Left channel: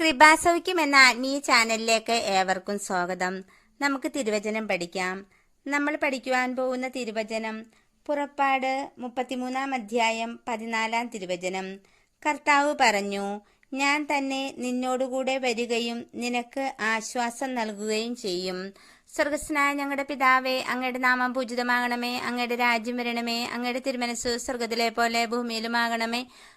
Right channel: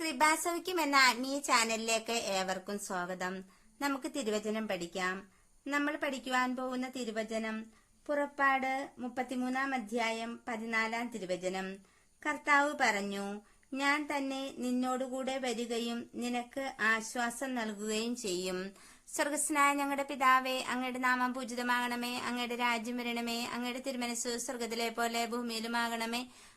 കൃപാസൗഖ്യം എന്ന ആത്മീയ ചാനലിലേക്ക് ഏവർക്കും സ്വാഗതം. നമുക്ക് തിരുവചനം പഠിക്കാം. നമ്മൾ പഠിക്കുവാൻ പോകുന്ന തിരുവചനം പുറപ്പാട് മുപ്പത്തിമൂന്നാം അധ്യായം പതിനാലാം തിരുവചനം. കർത്താവ് പറഞ്ഞു ഞാൻ തന്നെ നിന്നോടുകൂടെ വരികയും നിനക്ക് ആശ്വാസം നൽകുകയും ചെയ്യും. സ്വർഗസ്നായ ഞങ്ങളുടെ പിതാവേ അങ്ങയുടെ നാമം പൂജിതമാകണമേ അങ്ങയുടെ രാജ്യം വരണമേ അങ്ങയുടെ തിരുമനസ് സ്വർഗത്തിലെ പോലെ ഭൂമിയിലുമാകണമേ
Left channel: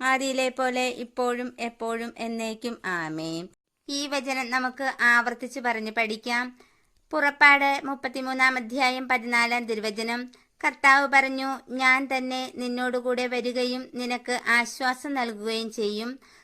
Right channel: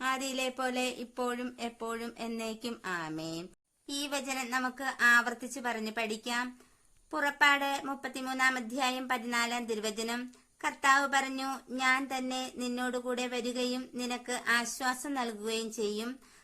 ആദിയിലെ പോലെ ഇപ്പോഴും എപ്പോഴും എന്നേക്കും ആമേ ഈ വചനം നമുക്ക് ആവർത്തിച്ച് പറഞ്ഞു പഠിക്കാം. പുറപ്പാട് മുപ്പത്തിമൂന്നാം അധ്യായം പതിനാലാം തിരുവചനം. കർത്താവ് പറഞ്ഞു ഞാൻ തന്നെ നിന്നോടുകൂടെ വരികയും നിനക്ക് ആശ്വാസം നൽകുകയും ചെയ്യും.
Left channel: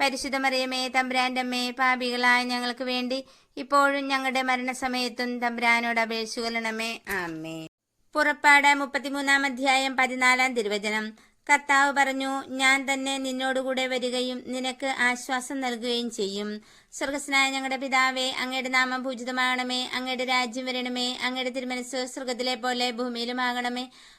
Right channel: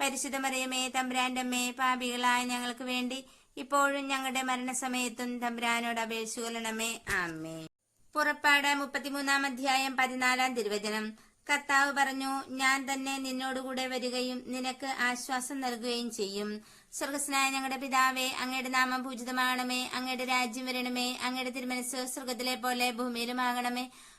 പരിശുദ്ധ മറിയമേ തമ്പുരാന്റെ അമ്മേ പാപികളായ ഞങ്ങൾക്ക് വേണ്ടി ഇപ്പോഴും ഞങ്ങളുടെ മരണസമയത്തും തമ്പുരാനോട് അപേക്ഷിക്കലണമേ ആമേ പുറപ്പാട് മുപ്പത്തിമൂന്നാം അധ്യായം പതിനാലാം തിരുവചനം. കർത്താവ് പറഞ്ഞു ഞാൻ തന്നെ നിന്നോടുകൂടെ വരികയും നിനക്ക് ആശ്വാസം നൽകുകയും ചെയ്യും. സ്വർഗസ്നായ ഞങ്ങളുടെ പിതാവേ അങ്ങയുടെ നാമം പൂജിതമാകണമേ അങ്ങയുടെ രാജ്യം വരണമേ അങ്ങയുടെ തിരുമനസ് സ്വർഗത്തിലെ പോലെ ഭൂമിയിലുമാകണമേ.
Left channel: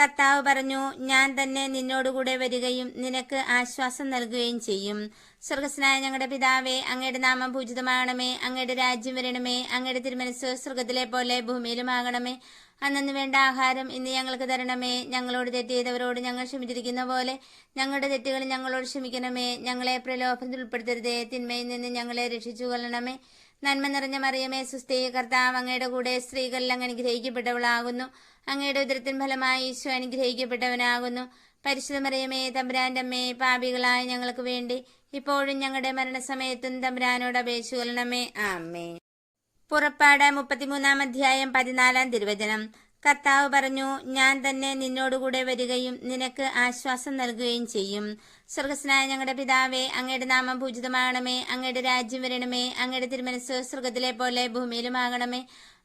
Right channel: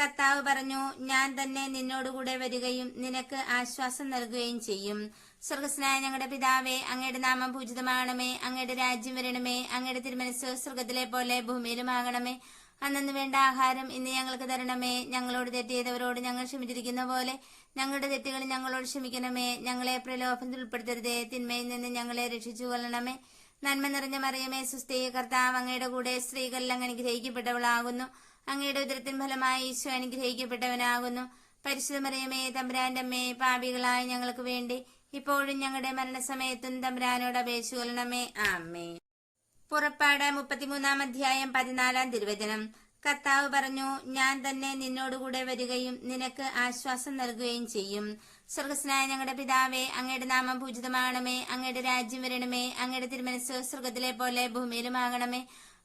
കർത്താവ് പറഞ്ഞു ഞാൻ തന്നെ നിന്നോടുകൂടെ വരികയും നിനക്ക് ആശ്വാസം നൽകുകയും ചെയ്യും. സ്വർഗസ്നായ ഞങ്ങളുടെ പിതാവേ അങ്ങയുടെ നാമം പൂജിതമാകണമേ അങ്ങയുടെ രാജ്യം വരണമേ അങ്ങയുടെ തിരുമനസ് സ്വർഗത്തിലെ പോലെ ഭൂമിയിലുമാകണമേ. അന്നു വേണ്ട ആഹാരം ഇന്ന് ഞങ്ങൾക്ക് തരണമേ. ഞങ്ങളോട് തെറ്റിയതവരോട് ഞങ്ങൾ ക്ഷമിച്ചിരിക്കുന്ന പോലെ ഞങ്ങളുടെ തെറ്റുകൾ ഞങ്ങളോട് ക്ഷമിക്കണമേ. ഞങ്ങളെ പ്രലോഭനത്തിൽ ഉൾപ്പെടുത്തരുതേ. തിന്മയിൽ നിന്ന് ഞങ്ങളെ രക്ഷിച്ചു കൊള്ളണമേ നന്മ നിറഞ്ഞ മറിയമേ സുസ്ഥീകർത്താവ് അങ്ങയുടെ കൂടെ സ്ത്രീകളിൽ അങ്ങ് അനുഗ്രഹിക്കപ്പെട്ടവളാകുന്നു. അങ്ങയുടെ ഉദരത്തിൻ ഫലമായി ഈശോ അനുഗ്രഹിക്കപ്പെട്ടവനാകുന്നു. പരിശുദ്ധ മറിയമേ തമ്പുരാന്റെ അമ്മയെ പാപികളായ ഞങ്ങൾക്ക് വേണ്ടി ഇപ്പോഴും ഞങ്ങളുടെ മരണസമയത്തും തമ്പുരാനോട് അപേക്ഷ ആമേ പുറപ്പാട് മുപ്പത്തിമൂന്നാം അധ്യായം പതിനാലാം തിരുവചനം. കർത്താവ് പറഞ്ഞു ഞാൻ തന്നെ നിന്നോടുകൂടെ വരികയും നിനക്ക് ആശ്വാസം നൽകുകയും ചെയ്യും. സ്വർഗസ്നായ ഞങ്ങളുടെ പിതാവേ അങ്ങയുടെ നാമം പൂജിതമാകണമേ അങ്ങയുടെ രാജ്യം വരണമേ അങ്ങയുടെ തിരുമനസ് സ്വർഗത്തിലെ പോലെ ഭൂമിയിലുമാകണമേ.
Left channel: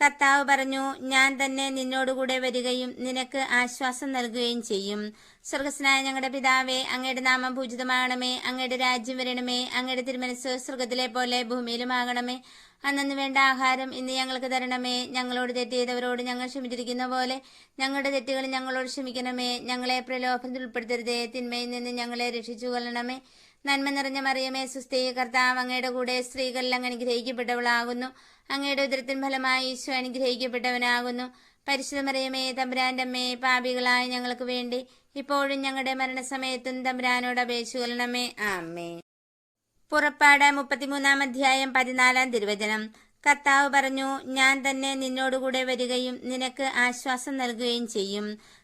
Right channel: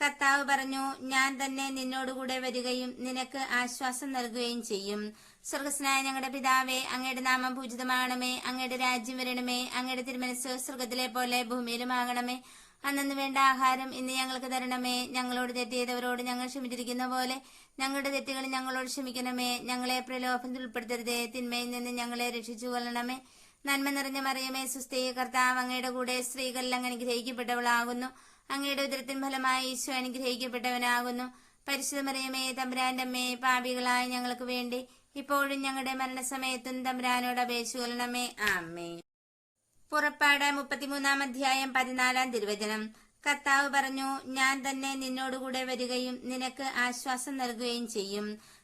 കർത്താവ് പറഞ്ഞു ഞാൻ തന്നെ നിന്നോടുകൂടെ വരികയും നിനക്ക് ആശ്വാസം നൽകുകയും ചെയ്യും. സ്വർഗസ്നായ ഞങ്ങളുടെ പിതാവേ അങ്ങയുടെ നാമം പൂജിതമാകണമേ അങ്ങയുടെ രാജ്യം വരണമേ അങ്ങയുടെ തിരുമനസ് സ്വർഗത്തിലെ പോലെ ഭൂമിയിലുമാകണമേ. അന്നു വേണ്ട ആഹാരം ഇന്ന് ഞങ്ങൾക്ക് തരണമേ. ഞങ്ങളോട് തെറ്റിയതവരോട് ഞങ്ങൾ ക്ഷമിച്ചിരിക്കുന്ന പോലെ ഞങ്ങളുടെ തെറ്റുകൾ ഞങ്ങളോട് ക്ഷമിക്കണമേ. ഞങ്ങളെ പ്രലോഭനത്തിൽ ഉൾപ്പെടുത്തരുതേ. തിന്മയിൽ നിന്ന് ഞങ്ങളെ രക്ഷിച്ചു കൊള്ളണമേ നന്മ നിറഞ്ഞ മറിയമേ സുസ്ഥി കർത്താവ് അങ്ങയുടെ കൂടെ സ്ത്രീകളിൽ അങ്ങ് അനുഗ്രഹിക്കപ്പെട്ടവളാകുന്നു. അങ്ങയുടെ ഉദരത്തിൻ ഫലമായി ഈശോ അനുഗ്രഹിക്കപ്പെട്ടവനാകുന്നു. പരിശുദ്ധ മറിയമേ തമ്പുരാന്റെ അമ്മയെ പാപികളായ ഞങ്ങൾക്ക് വേണ്ടി ഇപ്പോഴും ഞങ്ങളുടെ മരണസമയത്തും തമ്പുരാനോട് അപേക്ഷ ആമേ പുറപ്പാട് മുപ്പത്തിമൂന്നാം അധ്യായം പതിനാലാം തിരുവചനം. കർത്താവ് പറഞ്ഞു ഞാൻ തന്നെ നിന്നോടുകൂടെ വരികയും നിനക്ക് ആശ്വാസം നൽകുകയും ചെയ്യും.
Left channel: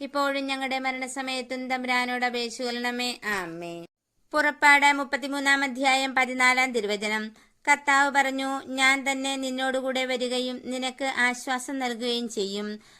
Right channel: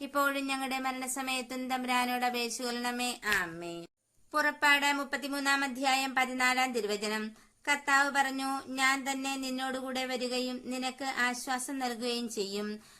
ഇപ്പോഴും ഞങ്ങളുടെ മരണസമയത്തും തമ്പുരാനോട് അപേക്ഷിക്കൊള്ളണമേ ആമേ പുറപ്പാട് മുപ്പത്തിമൂന്നാം അധ്യായം പതിനാലാം തിരുവചനം. കർത്താവ് പറഞ്ഞു ഞാൻ തന്നെ നിന്നോടുകൂടെ വരികയും നിനക്ക് ആശ്വാസം നൽകുകയും ചെയ്യും.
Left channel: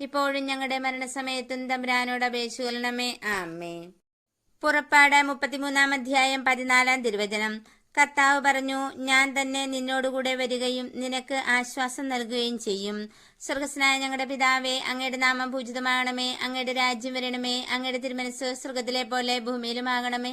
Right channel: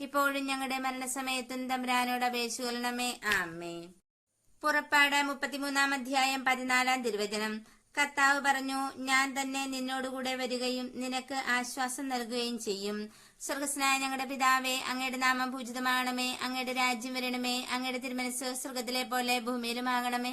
ഇപ്പോഴും ഞങ്ങളുടെ മരണസമയത്തും തമ്പുരാനോട് അപേക്ഷിക്കൊള്ളണമേ ആമേ പുറപ്പാട് മുപ്പത്തിമൂന്നാം അധ്യായം പതിനാലാം തിരുവചനം. കർത്താവ് പറഞ്ഞു ഞാൻ തന്നെ നിന്നോടുകൂടെ വരികയും നിനക്ക് ആശ്വാസം നൽകുകയും ചെയ്യും. സ്വർഗസ്നായ ഞങ്ങളുടെ പിതാവേ അങ്ങയുടെ നാമം പൂജിതമാകണമേ അങ്ങയുടെ രാജ്യം വരണമേ അങ്ങയുടെ തിരുമനസ് സ്വർഗത്തിലെ പോലെ ഭൂമിയിലുമാകണമേ.